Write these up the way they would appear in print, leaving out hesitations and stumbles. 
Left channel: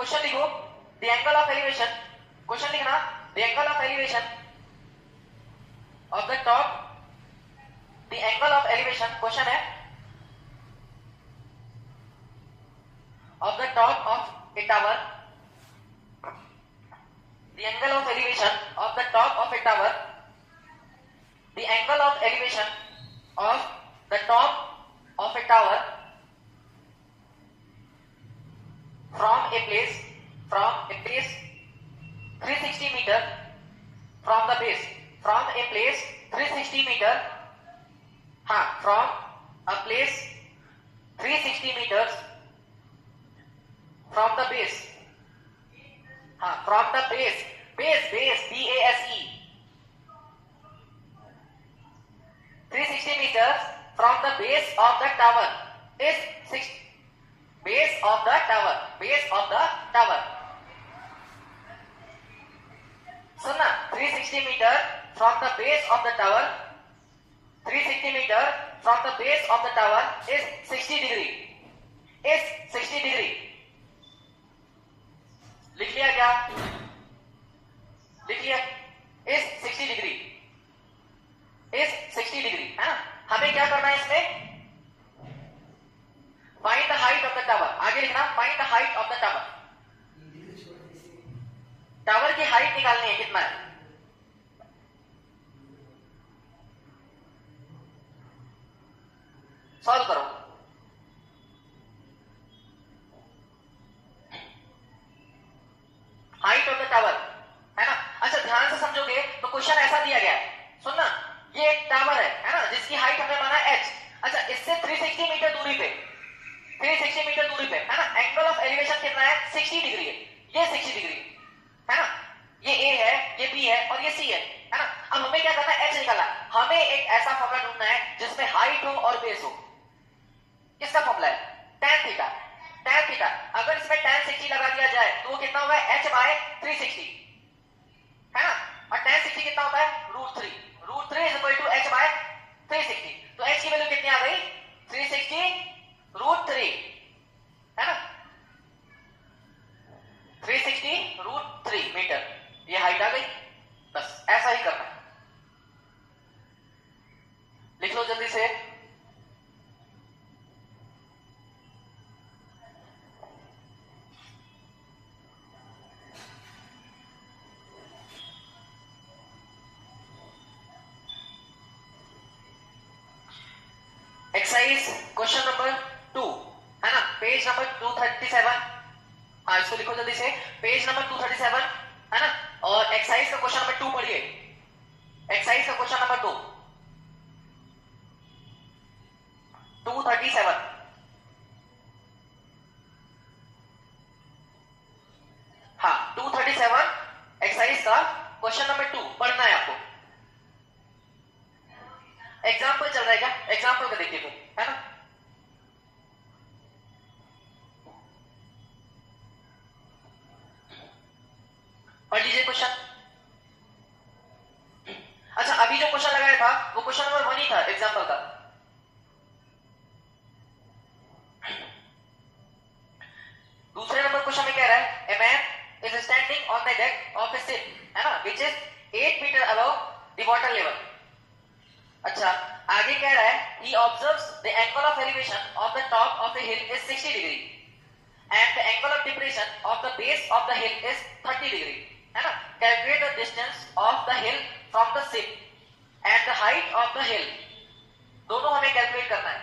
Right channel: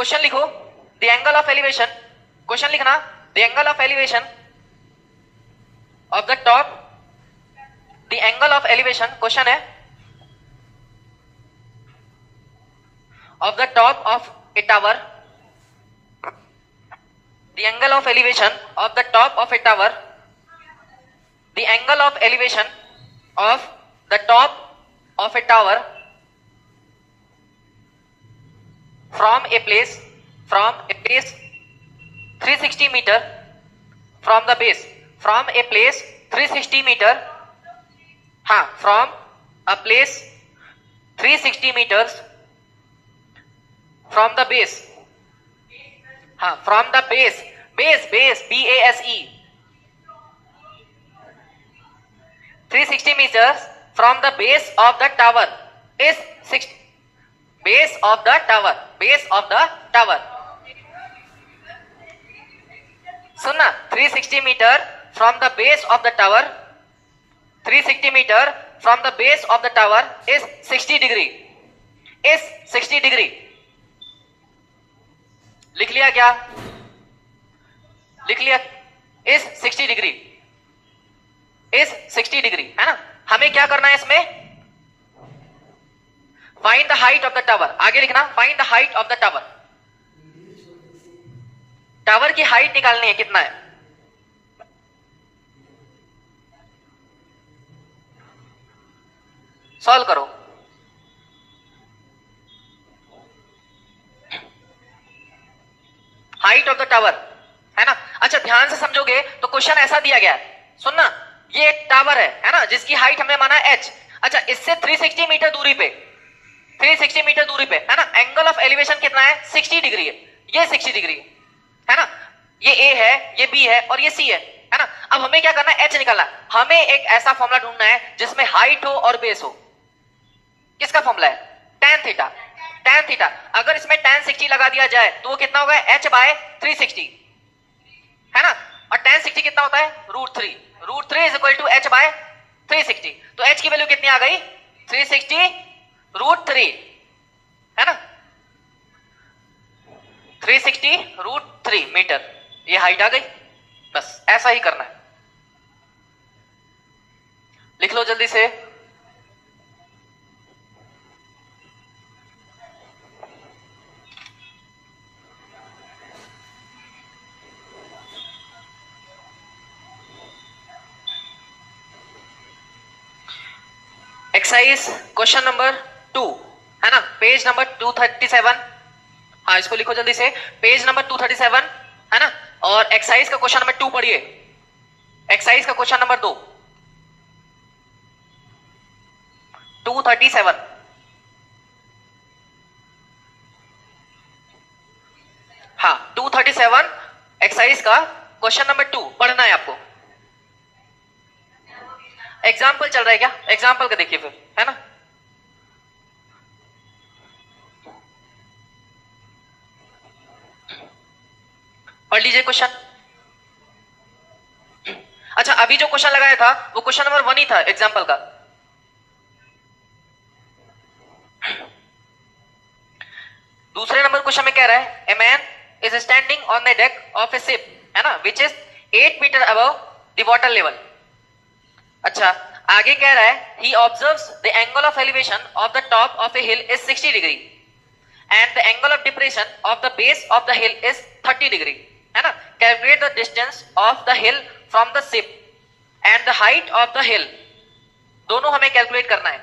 Question लिखो, the angle of elevation, question लिखना, the angle of elevation of the top, the angle of elevation, question है of the top of a tower, the angle of elevation of the top of a tower, the angle of elevation of the top of a tower from a place 360 meter from the base, from a place 360 meter, from a place 360 meters from the base, from the base BASE 360 meters from the base of the tower is base of the tower सुनना, 360 meter from the base of the tower, 360 meter from the base of the tower is 60 degree, लिख लिया क्या? लिख लिया, is 60 degree, है ना। हमें क्या करना है इसमें? Find the height of the tower, आगे लिखना, find the height of the tower, tower की हाइट निकालनी है, कितना है? सॉल्व करो। हाइट ऑफ द टावर, है ना। अच्छा ध्यान से समझोगे तो क्वेश्चन ऐसा दिया गया है, सुनना, ये एक टावर है ना, जिसकी हाइट हमने माना h। अच्छा इससे 360 मीटर दूरी पे, 360 मीटर दूरी पे, है ना, एंगल ऑफ एलिवेशन कितना है? 60 डिग्री है, ये 60 डिग्री है ना, ये a है, ये b है और ये c है ना। अब हमें क्या करना है? h निकालना है। हमें एक ऐसा फॉर्मूला ढूंढना है जिसमें हाइट हो और बेस हो। किसका फॉर्मूला है? tan theta, tan theta. अगर इसमें tan 60 लगा दिया जाए तो वो कितना होगा? h बाय 360, है ना। और tan 60 कितना होता है? √3, √3 is equal to h by 360। तो h की वैल्यू कितनी आ गई? 360 √3, है ना, 360 √3 मीटर, ये हाइट आ गई। बस ऐसा ही करना है, लिख लो जल्दी से। एक्सरसाइज क्वेश्चन नंबर 2, है ना, पेज नंबर 237। हाँ इसको लिखो जल्दी से, पेज नंबर 237, है ना। और एक्सरसाइज का क्वेश्चन नंबर 2 पढ़िए, एक्सरसाइज का क्वेश्चन नंबर 237। हाँ 237 एक्सरसाइज का क्वेश्चन नंबर 2 पढ़ना है आपको। एग्जाम्पल चल रहा है क्या? एग्जाम्पल का देखिए फिर, है ना। पढ़ लीजिए क्वेश्चन। अच्छा अभी जो क्वेश्चन लगाया था वो क्वेश्चन नंबर 1 ही था एग्जाम्पल का। दूसरे नंबर क्वेश्चन में कह रहा है, a man is standing on the deck of a ship, है ना, which is 8 metre above the water level. अच्छा आगे कह रहा है, he observes the angle of elevation of the top of a hill is 60 degree and the angle of depression of the base of the hill is 30 degree, है ना। Calculate the distance of the hill from the ship and the height of the hill, दोनों हमें calculate करना है।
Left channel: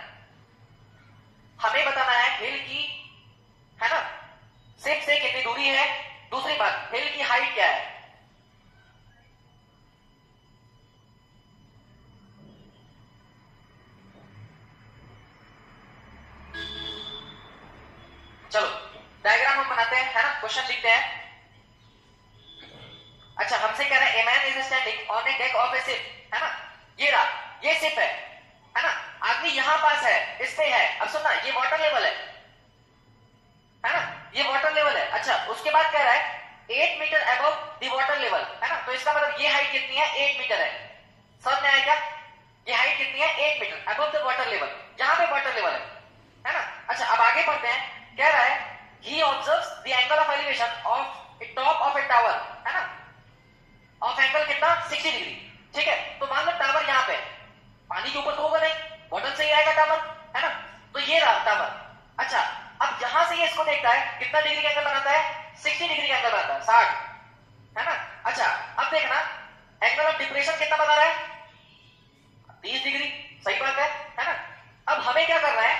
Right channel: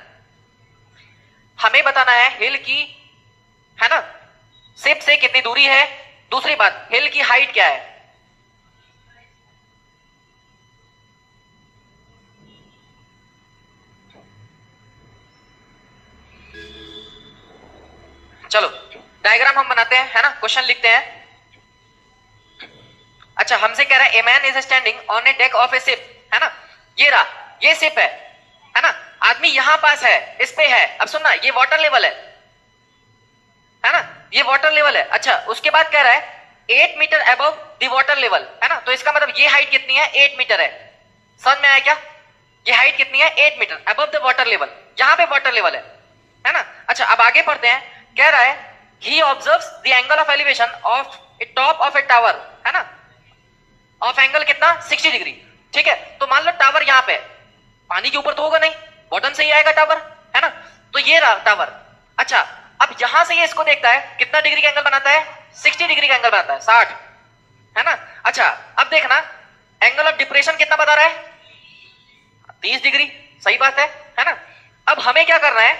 हमें बताना है हिल की, है ना, शिप से कितनी दूरी है, दूसरी बात हिल की हाइट क्या है। चलो डायग्राम हम बनाते हैं, है ना, क्वेश्चन लिखते हैं। अच्छा हमसे कह रहा है, a man is standing on A deck of a ship, है ना, ये रहा, ये शिप है ना, आदमी यहां पास है, इस पे है। अब सुनना, ये वाटर लेवल है ना, ये वाटर लेवल है। अच्छा उसके बाद कह रहा है 8 metre above the water level, है ना, तो इसका मतलब ये हाइट कितनी है? 8 मीटर है। समझ में आया क्या? ये हाइट कितनी है? 8 metre above the water level, यहां पे वाटर लेवल है ना। अच्छा अब आगे पढ़ते हैं, कह रहा है he observes the angle of elevation of a top of a tower, है ना, ऑफ एंगल कितना 60 डिग्री। ठीक है, तो मान लो टावर यहां पे, पानी के ऊपर तो होगा नहीं, बॉटम से ही आएगा टावर, है ना, तो ये रहा टावर। अच्छा, अब यहां से ये इसको देखता है, कितना डिग्री का एंगल बनाता है, 60 डिग्री का एंगल बनाता है, 60, है ना। अच्छा, अब देखना एंगल ऑफ डिप्रेशन कितना बता रहा है, 30 डिग्री, सही बात है ना। अब हमें क्या करना है,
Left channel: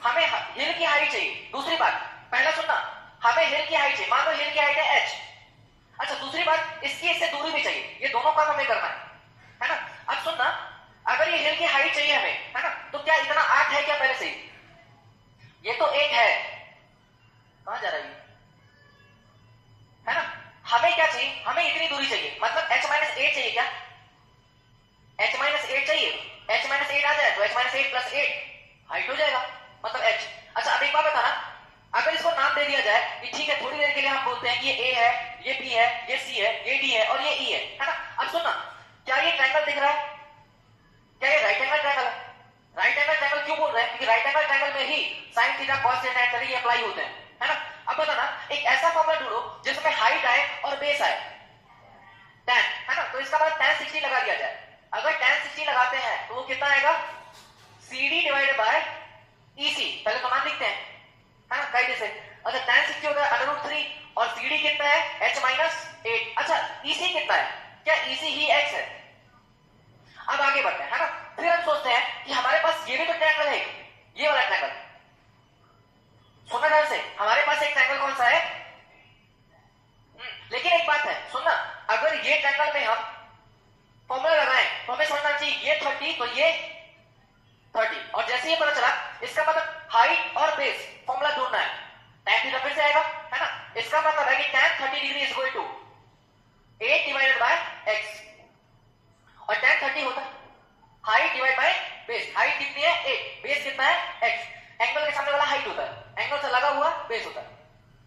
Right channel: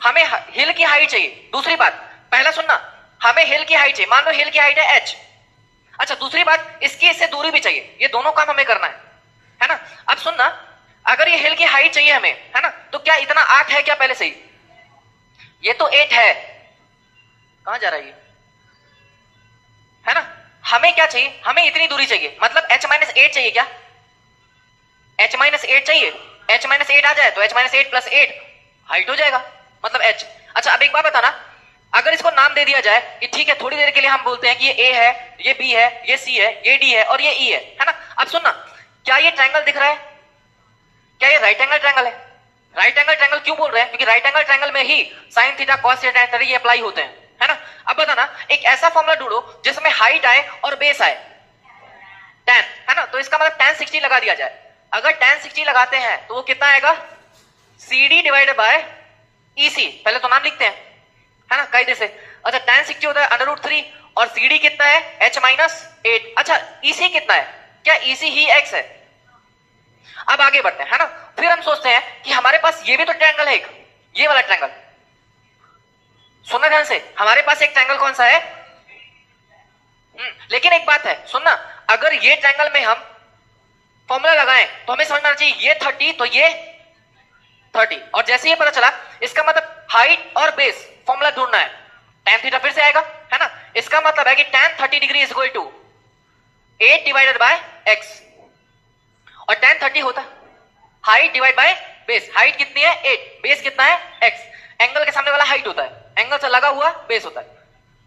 हमें हिल की हाइट चाहिए। दूसरी बात, पहला सुनना, हमें हिल की हाइट चाहिए, मान लो हिल की हाइट है h। अच्छा, दूसरी बात, इसकी इससे दूरी भी चाहिए, ये दोनों काम हमें करना है ना। अब सुनना, अगर ये हिल की हाइट चाहिए हमें, है ना, तो क्या इतना 8 है क्या पहले से ही, ये तो 8 है, कहां जा रहा है ना। हमें क्या चाहिए, हमें इतनी दूरी चाहिए, मतलब h-8 चाहिए क्या, h-8 चाहिए, h-8 आ जाए तो h-8 + 8 हाइट हो जाएगा, मतलब h। अच्छा, अब एक बात बताना, अगर इसको नाम दे दिया जाए कि ठीक है, थोड़ी देर के लिए हम बोलते हैं कि ये a है, ये b है, ये c है, ये d है और ये e है ना। अब सुनना, क्या ये ट्रायंगल दिख रहा है, क्या ये राइट एंगल ट्रायंगल है। राइट एंगल ट्रायंगल क्यों बोल रहे हैं, क्योंकि राइट एंगल ट्रायंगल में ही sine theta cos theta and ये अप्लाई होते हैं, है ना। अब बताना, एक ऐसा फॉर्मूला ढूंढो जिसमें हाइट आए और बेस आए, tan, है ना, तो इसका मतलब tan 60 लगा दिया जाए। अगर tan 60 लगाते हैं तो वो कितना आएगा, CD डिवाइडेड बाय EC, पहले तो नाम लिखते हैं, है ना, कायदे से। अच्छा, tan 60 होता है √3 और CD कितना है h-8। अच्छा, EC कितना है, क्या EC ही x है। अब आगे बढ़ते हैं, है ना, फिर हम सोचते हैं कि हमारे पास ये भी तो ट्रायंगल है एक, ये वाला ट्रायंगल, सुनना ध्यान से, हमारे पास एक ट्रायंगल कौन सा है, लेकिन एक बात है सुनना, अगर ये ट्रायंगल में हम फॉर्मूला लगाएं तो हमें समझना चाहिए ये 30 तो ये 30, और जैसे ही पता चला, इसका मतलब हाइट और बेस फॉर्मूला ढूंढना है, tan थीटा फिर से आएगा, है ना। इसका मतलब है कि tan 30 degree is equal to 8 divided by x, और tan 30 होता है height divide by base, height कितनी है 8, बेस कितना है x, एंगल के सामने वाला हाइट होता है, एंगल से लगा हुआ बेस होता है।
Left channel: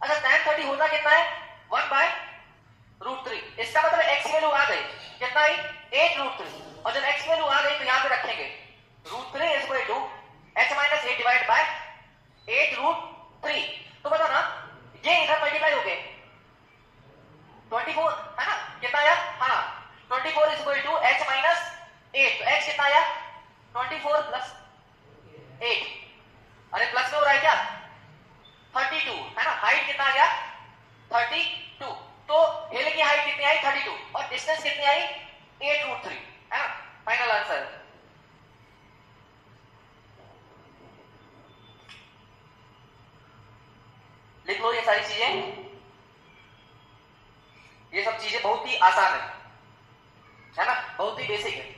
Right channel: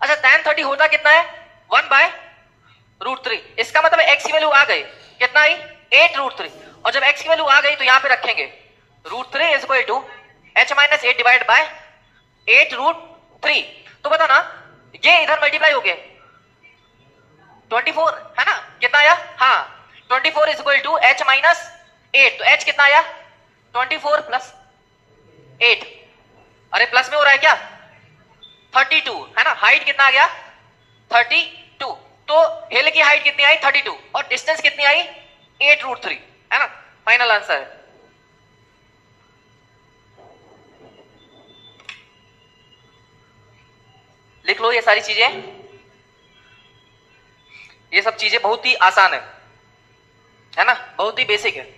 अच्छा, tan 30 होता कितना है 1/√3, इसका मतलब x की वैल्यू आ गई, कितना आई 8√3, और जब x की वैल्यू आ गई तो यहां पे रखेंगे √3 is equal to h-8 divide by 8√3। तो बता ना, ये इधर मल्टीप्लाई हो गए 24, है ना, कितना आया, हाँ 24 इज इक्वल टू h-8, तो h कितना आया 24 + 8, अरे प्लस में हो रहा है क्या 32, है ना, हाइट कितना आ गया 32, तो हिल की हाइट कितनी आई 32 और डिस्टेंस कितनी आई 8√3, है ना, फाइनल आंसर है। लिख लो ये सारी चीजें, ये सब चीजें बहुत ही आसान है ना, बहुत ही बेसिक है।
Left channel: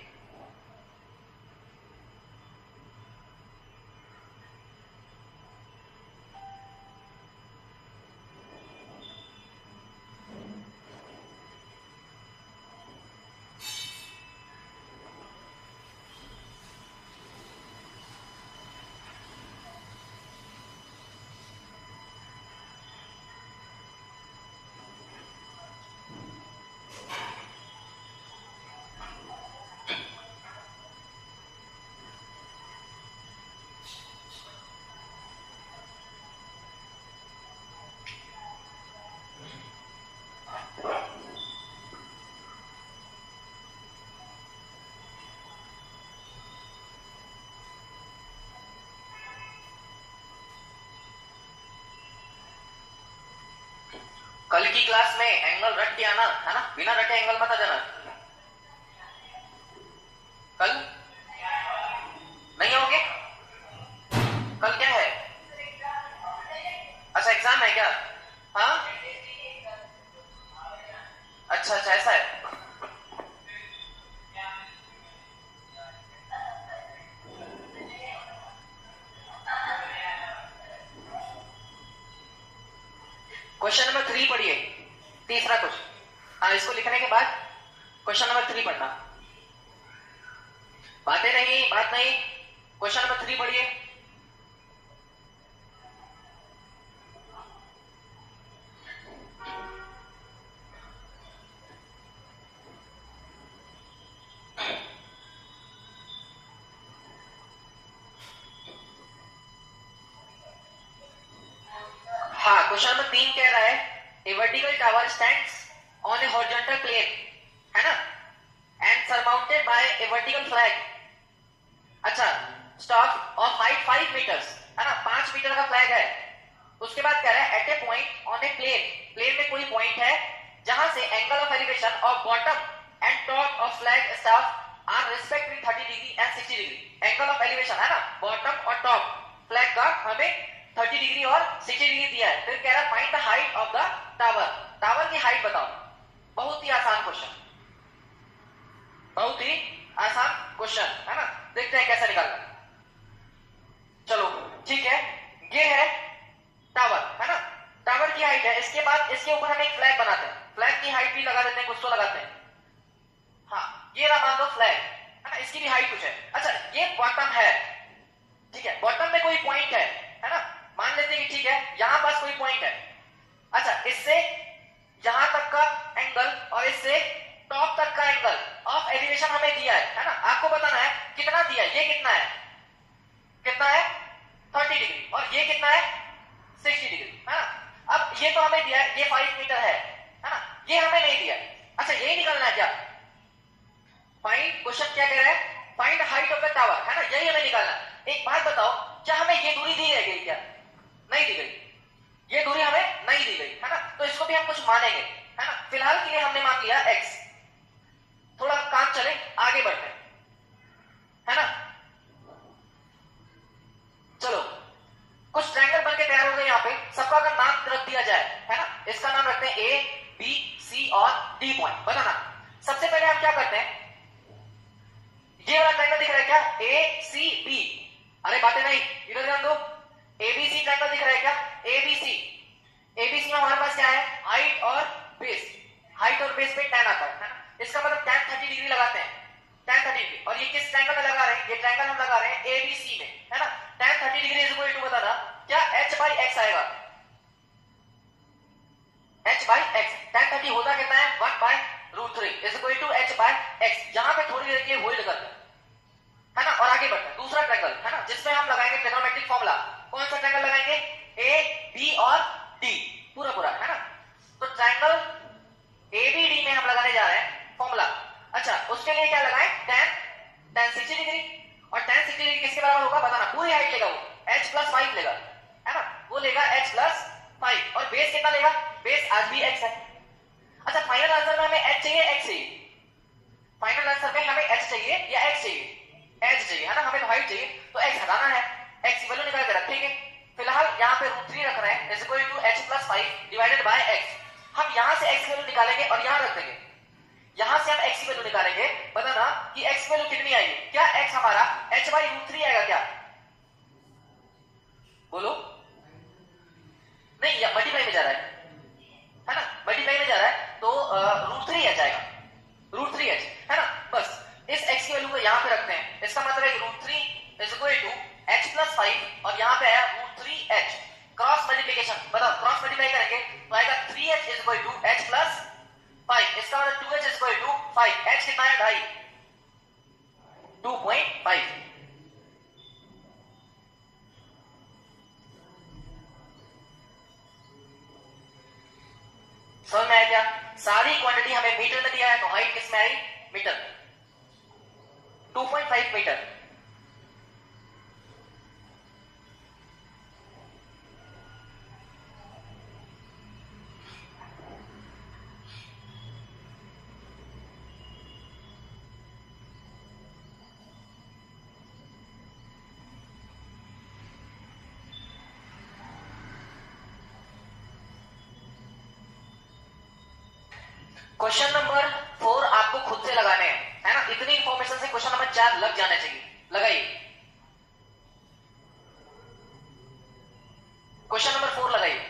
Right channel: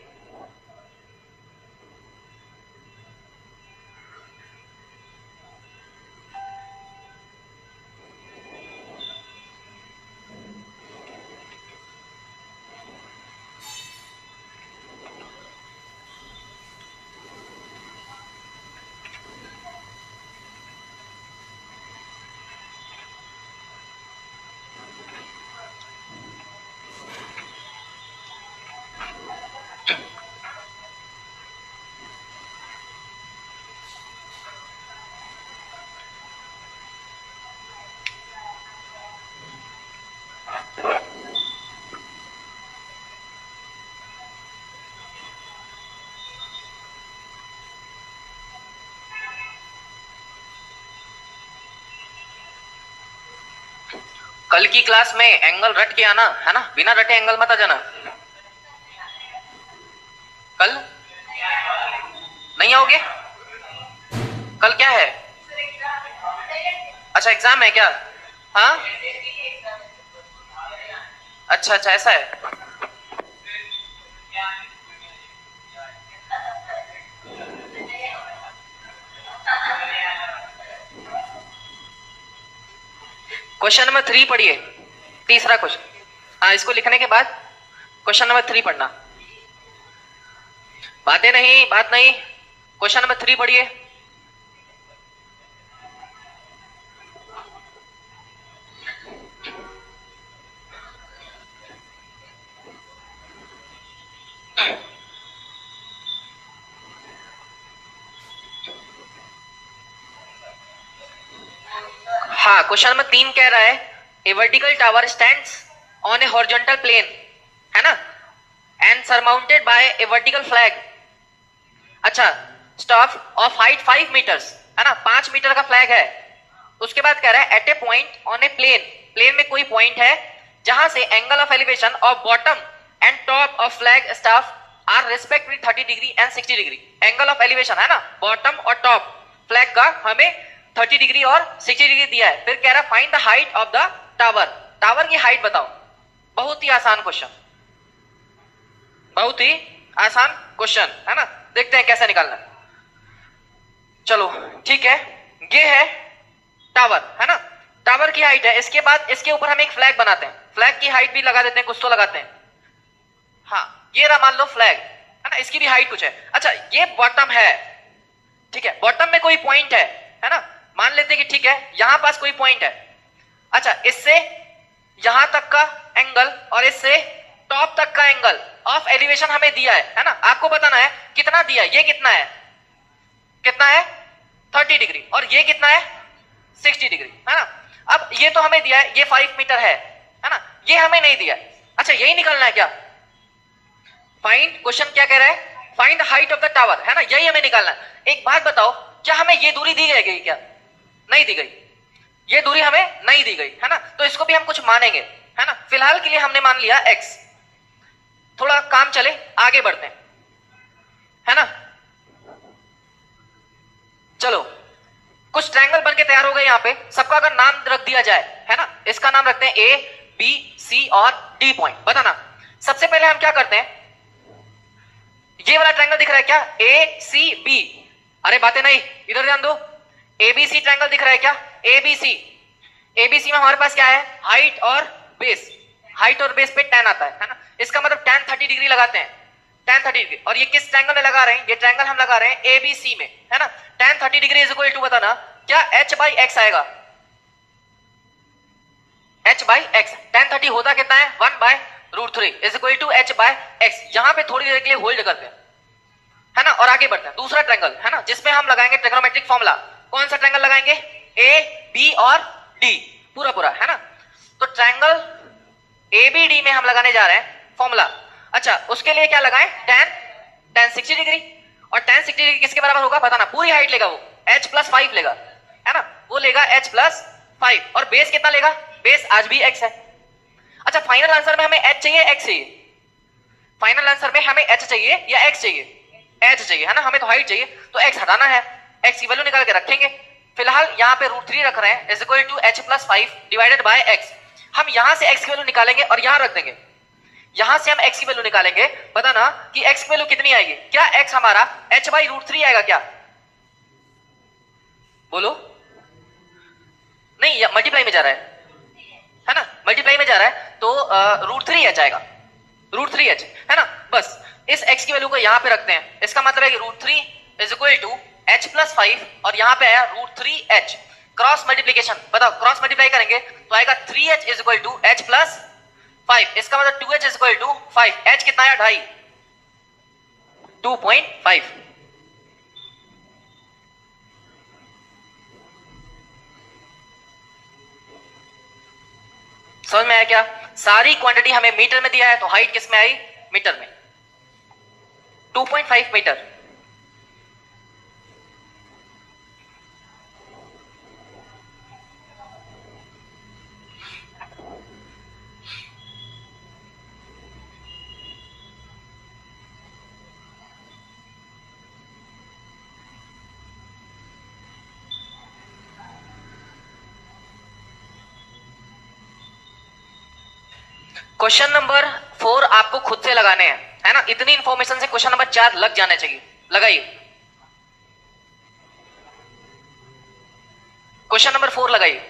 कल की क्लास में एंगल रट के आना, है ना, बिना रटे एंगल मत आ जाना। कल नहीं आओगे, कल क्या है, अच्छा एग्जाम है क्या, हाँ, अच्छा अच्छा ऐसा है। क्वेश्चन नंबर 3 पढ़िए, तीसरा क्वेश्चन, हाँ, इसको लिखने के बाद क्वेश्चन नंबर 3 पढ़ना, बातें नहीं, बात नहीं, क्वेश्चन नंबर 3 पढ़िए। हाँ, क्वेश्चन नंबर 3 कह रहा है a vertical tower stands on a horizontal plane, है ना, and surmounted by a vertical flag. अच्छा, स्टाफ ऑफ हाइट 5 मीटर्स, है ना, 5 मीटर का फ्लैग है। उसके बाद कह रहा है at a point on a plane, plane में कोई पॉइंट है जहां से angle of elevation of bottom and top of flag staff are respectively 30 degree and 60 degree. Angle of elevation, है ना, बॉटम और टॉप फ्लैग का हमें 30 डिग्री और 60 डिग्री दिया है। फिर कह रहा है find the height of the tower, tower की हाइट बताओ। बहुत ही आसान क्वेश्चन, बहुत ही आसान क्वेश्चन, है ना, देखते हैं कैसे निकालना। चलो ठीक है, ये है टावर, है ना, टावर की हाइट है। इसके बाद इसके ऊपर हम एक फ्लैग बनाते हैं, फ्लैग की हाइट भी लगा देते हैं, कुछ तो लगाते हैं। हाँ, ये रहा मान लो फ्लैग, है ना, इसकी भी हाइट कुछ है। अच्छा, ये बॉटम है, ठीक है, बॉटम में कोई पॉइंट है ना, मान लेते हैं कि ठीक है यहां पास कोई पॉइंट है। अच्छा, इससे यहां तक का एंगल और इससे टॉप तक का एंगल ऑफ एलिवेशन हमें दिया है ना, आपको बताना है कितना दिया है। ये कितना है, कितना है 30 डिग्री, और ये कितना है 60 डिग्री, है ना। अब ये तो हमें दिया है, ये 5 मीटर है ना, ये हमें नहीं दिया। अच्छा, यही निकलना है क्या, फाइंड, क्वेश्चन क्या कह रहा है, find the height of the tower, है ना, यही हमें निकालना है। एक बात बताओ, क्या हमें ये दूरी दी गई क्या, नहीं दी गई, ये दूरी हमें नहीं दी गई, है ना, तो इसको भी हम कुछ मानेंगे, है ना। फिलहाल के लिए हमने मान लिया x, थोड़ा काम चले आगे बढ़ते हैं, है ना। चलो, कुछ ट्रायंगल बन के तैयार हो गए यहां पे, सबका अगर नाम रख दिया जाए, है ना, इसका नाम रखते हैं ए बी सी और डी पॉइंट। बताना, सबसे पहले हम क्या करते हैं, ये वाला ट्रायंगल दिख रहा है क्या, ए सी बी, अरे बातें नहीं, इधर ध्यान दो, एबीसी ट्रायंगल दिख रहा है क्या, एबीसी, एबीसी में हमारे पास क्या है, हाइट और बेस, हाइट और बेस पे tan आता है ना, इसका मतलब tan 30 डिग्री लगाते हैं, tan 30 डिग्री। और ये किस ट्रायंगल में लगा रहे हैं, ये ट्रायंगल हम लगा रहे हैं एबीसी में, है ना। tan 30 degree is equal to, बताना क्या h बाई एक्स आएगा, h बाई एक्स, tan 30 होता कितना है 1 by √3 is equal to h by x. यहां पे थोड़ी देर के लिए होल्ड करते हैं, है ना, और आगे बढ़ते हैं। दूसरा ट्रायंगल, है ना, जिसमें हम लगाएंगे ट्रिग्नोमेट्रिक फॉर्मूला, कौन सा ट्रायंगल लगाएंगे, ए बी और डी, पूरा पूरा, है ना। तो ट्रायंगल ए बी डी में हम लगाने जा रहे हैं फॉर्मूला। अच्छा, उसके लिए क्या लगाएं, tan 60 डिग्री, और tan 60 डिग्री किसके बराबर होगा, बताना, पूरी हाइट लेगा वो, h प्लस 5 लेगा, है ना, वो लेगा h प्लस 5, और बेस कितना लेगा, बेस आज भी x है। अच्छा, फाइनल आंसर में हमें h चाहिए x चाहिए, फाइनल आंसर में हमें h चाहिए या x चाहिए, h चाहिए, है ना, हमें तो हाइट चाहिए, तो x हटाना है, x की वैल्यू निकाल के रखेंगे। फिलहाल यहाँ पे √3 रख रहे हैं, is equal to h plus 5 divided by x। हम यहां से x की वैल्यू निकालेंगे और यहां रख देंगे, यहां से हम x की वैल्यू निकालेंगे। बताना कि x की वैल्यू कितनी आएगी, क्या x हमारा h बाई √3 आएगा क्या, बोलो, नहीं, मल्टीप्लाई में जा रहा है ना, मल्टीप्लाई में जा रहा है, तो √3h आएगा, √3h, है ना। बस इस x की वैल्यू को यहां पे रखते हैं, इसका मतलब है कि √3 is equal to h plus 5 और यहां पे आया √3h, क्रॉस मल्टीप्लीकेशन, बताओ क्रॉस मल्टीप्लाई करेंगे तो आएगा 3h is equal to h plus 5, इसका मतलब 2h is equal to 5, h कितना आया 2.5, 2.5। समझ में आया क्या, सारी क्वांटिटी हमें मीटर में दिया है, तो हाइट किस में आई, मीटर में, 2.5 मीटर। क्वेश्चन नंबर 4 आपको खुद से लगाने हैं, है ना, इतनी इंफॉर्मेशन से क्वेश्चन नंबर 4 लग जाने चाहिए, लगाइए, क्वेश्चन नंबर 4 लगाइए।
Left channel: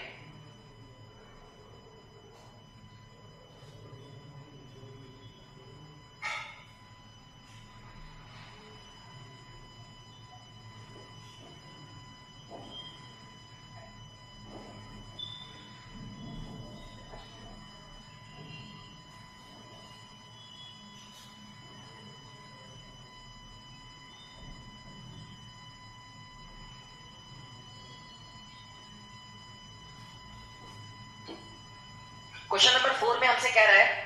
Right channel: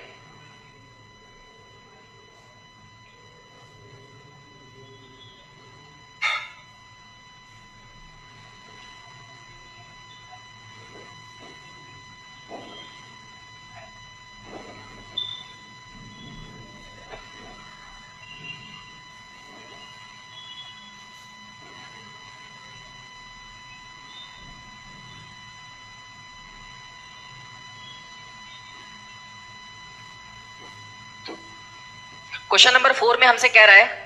क्वेश्चन नंबर 4 में हमसे कह रहा है